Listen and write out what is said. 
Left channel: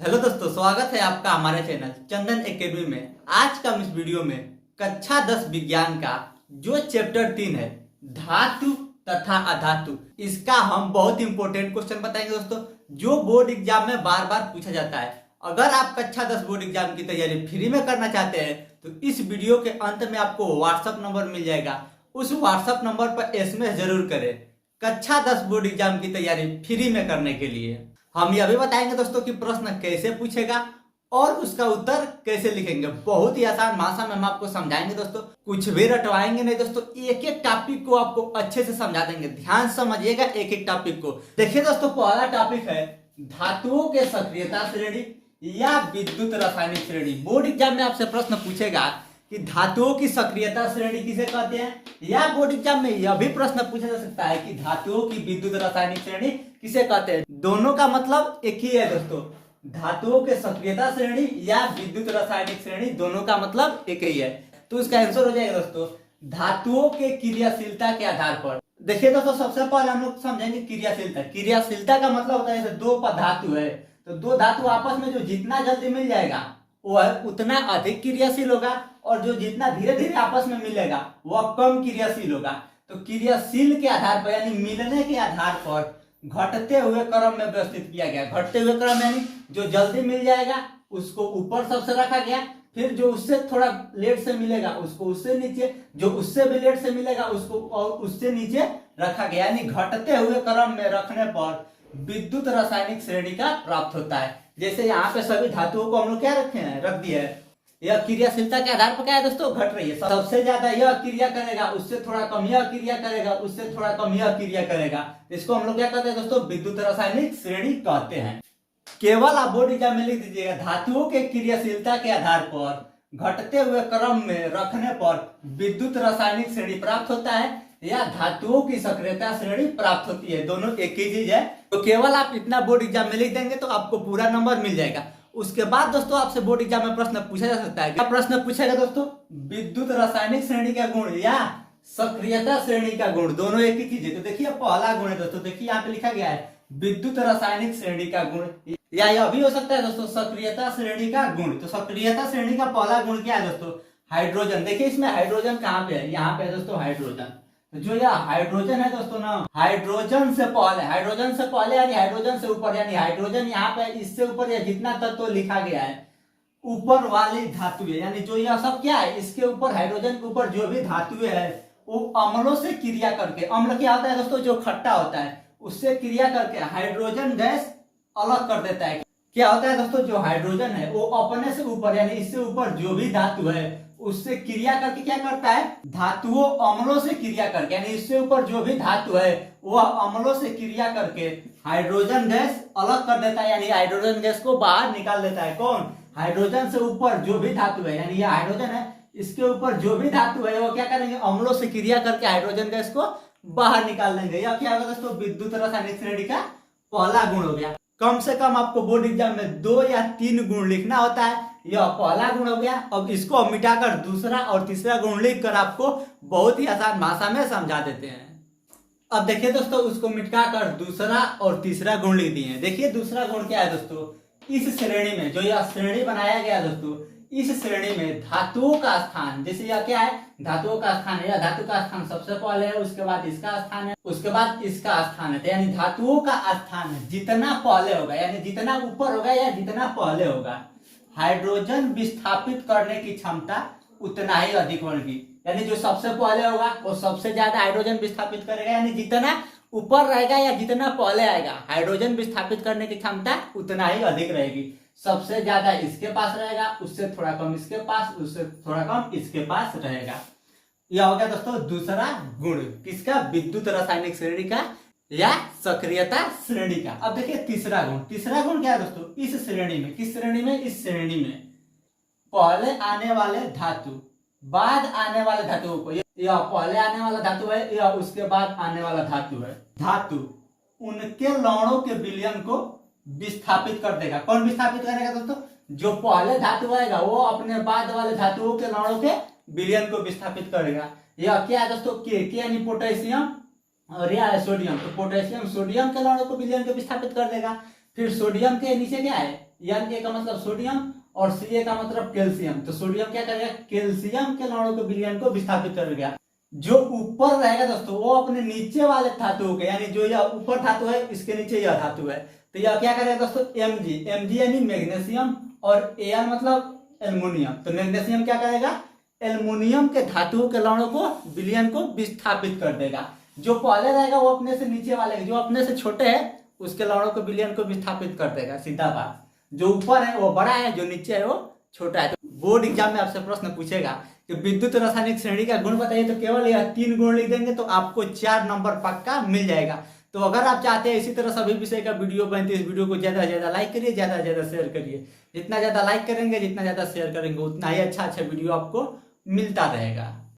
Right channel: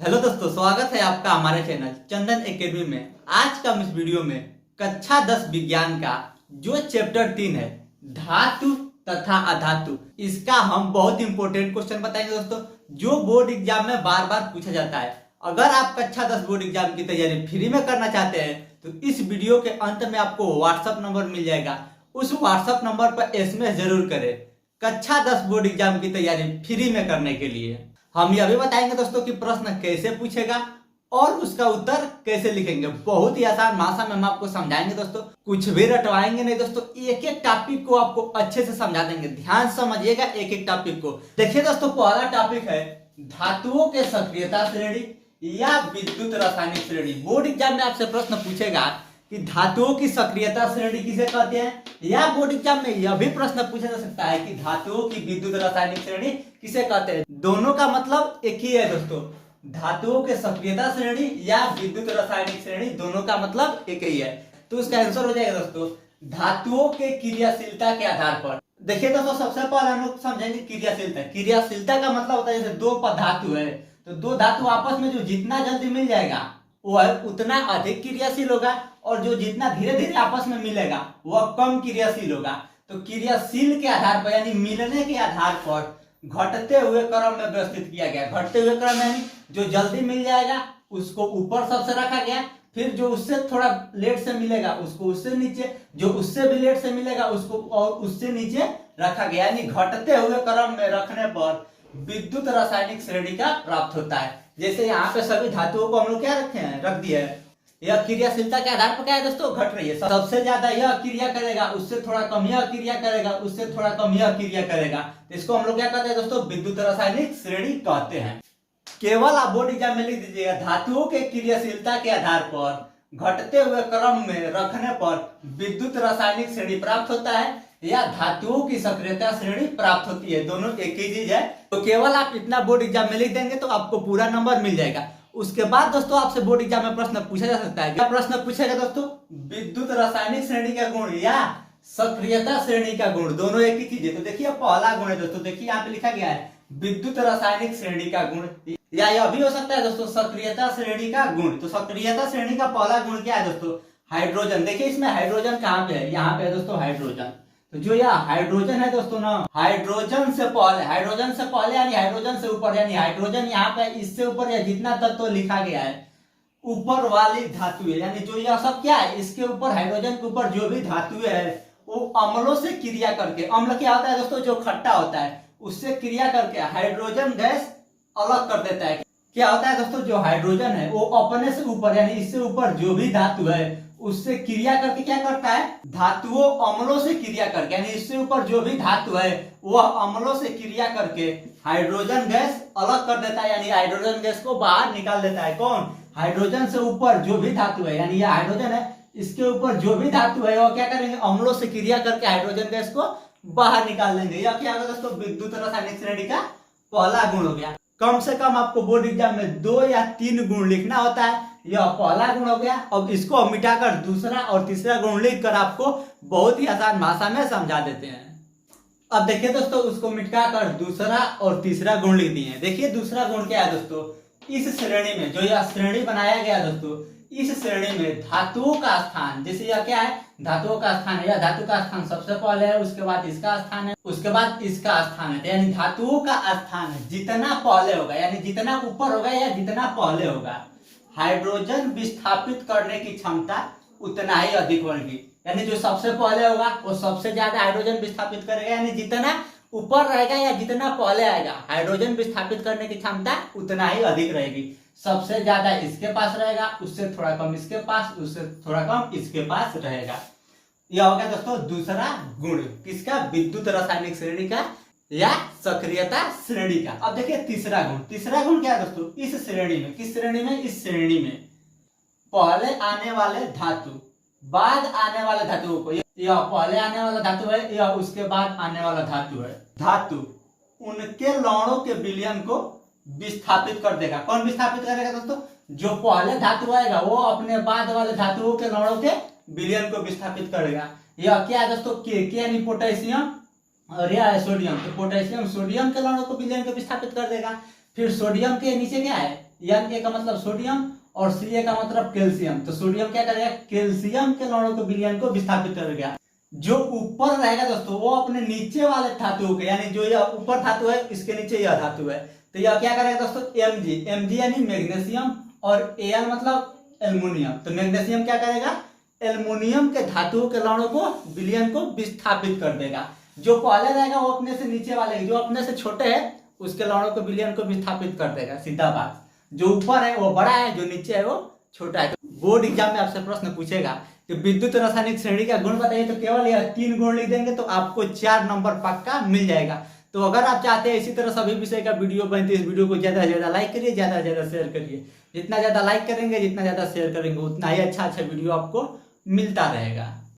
Hello दोस्तों, स्वागत है आपका हमारे चैनल चंदन एकेडमी में। आज का हम इस वीडियो में कक्षा 10 विज्ञान का जो चैप्टर 3 है धातु तथा अधातु, इसका हम बहुत इंपॉर्टेंट क्वेश्चन बताएंगे दोस्तों, जो बोर्ड एग्जाम में बार बार पूछा जाता है। अगर आप कक्षा 10 बोर्ड एग्जाम की तैयारी फ्री में करना चाहते हैं तो इस वीडियो के अंत में आपको व्हाट्सएप नंबर मिल जाएगा। उस व्हाट्सएप नंबर पर एसएमएस जरूर करें कक्षा 10 बोर्ड एग्जाम की तैयारी फ्री में करने के लिए। हम ये अभी बताएंगे दोस्तों कि प्रश्न कैसे पूछेगा और उसका उत्तर कैसे लिखेंगे। बहुत ही आसान भाषा में हम आपको समझाएंगे दोस्तों, कुछ भी रटवाएंगे नहीं दोस्तों। एक एक टॉपिक को आपको अच्छे से समझा देंगे, ध्यान समझिएगा एक एक टॉपिक को। देखिए दोस्तों, पहला टॉपिक है धातुओं के सक्रियता श्रेणी या विद्युत रासायनिक श्रेणी। बोर्ड एग्जाम में आपसे प्रश्न पूछेगा कि धातुओं की सक्रियता श्रेणी किसे कहते हैं, या बोर्ड एग्जाम में यह भी प्रश्न पूछा जा सकता है कि धातुओं की विद्युत रासायनिक श्रेणी किसे कहते हैं। दोनों का मतलब एक ही है दोस्तों, धातुओं के सक्रियता श्रेणी या विद्युत रासायनिक श्रेणी, दोनों का मतलब एक ही है। तो इसका आंसर हो जाएगा दोस्तों धातुओं के क्रियाशीलता के आधार पर। देखिए दोस्तों, सबसे पहले हम लोग समझेंगे क्रियाशीलता। क्रियाशीलता का मतलब होता है जैसे दो धातु है तो दो धातु आपस में जो जितना जल्दी मिल जाएगा वह उतना अधिक क्रियाशील होगा, और जो जितना धीरे धीरे आपस में मिलेगा वह कम क्रियाशील होगा। तो क्रियाशील के आधार पर यानी मिलने के आधार पर घटते हुए क्रम में व्यवस्थित किया गया। घटते हुए क्रम यानी जो जल्दी मिल जाएगा उसको ऊपर सबसे रखा गया, फिर जो उससे थोड़ा लेट से मिलेगा उसको उससे नीचे, जो उससे भी लेट से मिलेगा उसको और उससे नीचे रखा गया। यानी घटते हुए क्रम में रखने पर विद्युत रासायनिक श्रेणी का प्राप्त होता है। जैसे यहाँ पे सभी धातुओं को हम लोग क्या रखे हैं, रख दिया है। यह क्रियाशीलता के आधार पर क्या है दोस्तों, घट रही है। सबसे ज्यादा यह क्रिया करेगा, उससे थोड़ा कम यह क्रिया करेगा, उससे थोड़ा कम यह क्रिया करेगा। इसको हम लोग क्या कहते हैं दोस्तों, विद्युत रासायनिक श्रेणी कहते हैं। केवल आप बोर्ड एग्जाम में लिख दीजिएगा धातुओं के क्रियाशीलता के आधार पर घटते हुए क्रम में रखने पर विद्युत रासायनिक श्रेणी प्राप्त होता है या धातुओं की सक्रियता श्रेणी प्राप्त होती है। दोनों एक ही चीज है। तो केवल आप इतना बोर्ड एग्जाम में लिख देंगे तो आपको पूरा नंबर मिल जाएगा। उसके बाद दोस्तों आपसे बोर्ड एग्जाम में प्रश्न पूछा जा सकता है। क्या प्रश्न पूछेगा दोस्तों, विद्युत रासायनिक श्रेणी का गुण या सक्रियता श्रेणी का गुण, दोनों एक ही चीज है। तो देखिए पहला गुण है दोस्तों, देखिए यहाँ पे लिखा गया है विद्युत रासायनिक श्रेणी का गुण, या यह भी हो सकता है दोस्तों सक्रियता श्रेणी का गुण। तो सक्रियता श्रेणी का पहला गुण क्या है दोस्तों, हाइड्रोजन। देखिए इसमें हाइड्रोजन कहाँ पे है, यहाँ पे है दोस्तों हाइड्रोजन। तो जो यह हाइड्रोजन है दोस्तों ना, हाइड्रोजन से पहले यानी हाइड्रोजन से ऊपर, यानी हाइड्रोजन यहाँ पे इससे ऊपर या जितना तत्व लिखा गया है ऊपर वाली धातु है, यानी जो यह सब क्या है इसके ऊपर, हाइड्रोजन के ऊपर जो भी धातु है वो अम्लों से क्रिया करके, अम्ल क्या होता है दोस्तों, जो खट्टा होता है, उससे क्रिया करके हाइड्रोजन गैस अलग कर देता है। क्या होता है दोस्तों, जो हाइड्रोजन है वो अपने से ऊपर यानी इससे ऊपर जो भी धातु है उससे क्रिया करके क्या करता है, धातुओं अम्लों से क्रिया करके, यानी इससे ऊपर जो भी धातु है वह अम्लों से क्रिया करके हाइड्रोजन गैस अलग कर देता है, यानी हाइड्रोजन गैस को बाहर निकाल देता है। कौन, हाइड्रोजन से ऊपर जो भी धातु है, यानी यह हाइड्रोजन है, इसके ऊपर जो भी धातु है वो क्या करेंगे, अम्लों से क्रिया करके हाइड्रोजन गैस को बाहर निकाल देंगे। यह क्या होगा दोस्तों, विद्युत रासायनिक श्रेणी का पहला गुण हो गया। कम से कम आपको बोर्ड एग्जाम में 2 या 3 गुण लिखना होता है, यह पहला गुण हो गया। अब इसको मिटाकर दूसरा और तीसरा गुण लिखकर आपको बहुत ही आसान भाषा में समझा देते हैं। अब देखिए दोस्तों, उसको मिटाकर दूसरा और तीसरा गुण लिख दिए हैं। देखिए दूसरा गुण क्या है दोस्तों, इस श्रेणी में जो यह श्रेणी बनाया गया दोस्तों, इस श्रेणी में धातुओं का स्थान, जैसे यह क्या है धातुओं का स्थान है, या धातु का स्थान सबसे पहले है, उसके बाद इसका स्थान है, उसके बाद इसका स्थान है। यानी धातुओं का स्थान जितना पहले होगा, यानी जितना ऊपर होगा या जितना पहले होगा, हाइड्रोजन विस्थापित करने की क्षमता उतना ही अधिक होगी। यानी जो सबसे पहले होगा वो सबसे ज्यादा हाइड्रोजन विस्थापित करेगा, यानी जितना ऊपर रहेगा या जितना पहले आएगा हाइड्रोजन विस्थापित करने की क्षमता उतना ही अधिक रहेगी। सबसे ज्यादा इसके पास रहेगा, उससे थोड़ा कम इसके पास, उससे थोड़ा कम इसके पास रहेगा। यह हो गया दोस्तों दूसरा गुण किसका, विद्युत रासायनिक श्रेणी का या सक्रियता श्रेणी का। अब देखिए तीसरा गुण, तीसरा गुण क्या है दोस्तों, इस श्रेणी में, किस श्रेणी में, इस श्रेणी में पहले आने वाले धातु बाद आने वाले धातुओं को, यह पहले आने वाला धातु है या उसके बाद आने वाला धातु है, धातु उनके लौणों के विलयन को विस्थापित कर देगा। कौन विस्थापित करेगा दोस्तों, जो पहले धातु आएगा वो अपने बाद वाले धातुओं के लौणों के विलयन को विस्थापित करेगा। यह क्या है दोस्तों, के यानी पोटेशियम और यह है सोडियम। तो पोटेशियम सोडियम के लौणों को विलयन को विस्थापित कर देगा। फिर सोडियम के नीचे क्या है, एन ए का मतलब सोडियम और सी ए का मतलब कैल्शियम। तो सोडियम क्या करेगा, कैल्शियम के अणु को विलयन को विस्थापित करेगा। जो ऊपर रहेगा दोस्तों वो अपने नीचे वाले धातु के, यानी जो यह ऊपर धातु है इसके नीचे यह धातु है, तो यह क्या करेगा दोस्तों, Mg यानी मैग्नीशियम, और Al मतलब एल्युमिनियम। तो मैग्नीशियम क्या करेगा, एल्युमिनियम के धातुओं के अणु को विलयन को विस्थापित कर देगा। जो पहले रहेगा वो अपने से नीचे वाले, जो अपने से छोटे है उसके अणु को विलयन को विस्थापित कर देगा, सीधा बात। जो ऊपर है वो बड़ा है, जो नीचे है वो छोटा है। बोर्ड एग्जाम में आपसे प्रश्न पूछेगा कि विद्युत रासायनिक श्रेणी का गुण बताइए, तो केवल यह 3 गुण लिख देंगे तो आपको 4 नंबर पक्का मिल जाएगा। तो अगर आप चाहते हैं इसी तरह सभी विषय का वीडियो बनती है, इस वीडियो को ज्यादा से ज्यादा लाइक करिए, ज्यादा से ज्यादा शेयर करिए। जितना ज्यादा लाइक करेंगे, जितना ज्यादा शेयर करेंगे, उतना ही अच्छा वीडियो आपको मिलता रहेगा।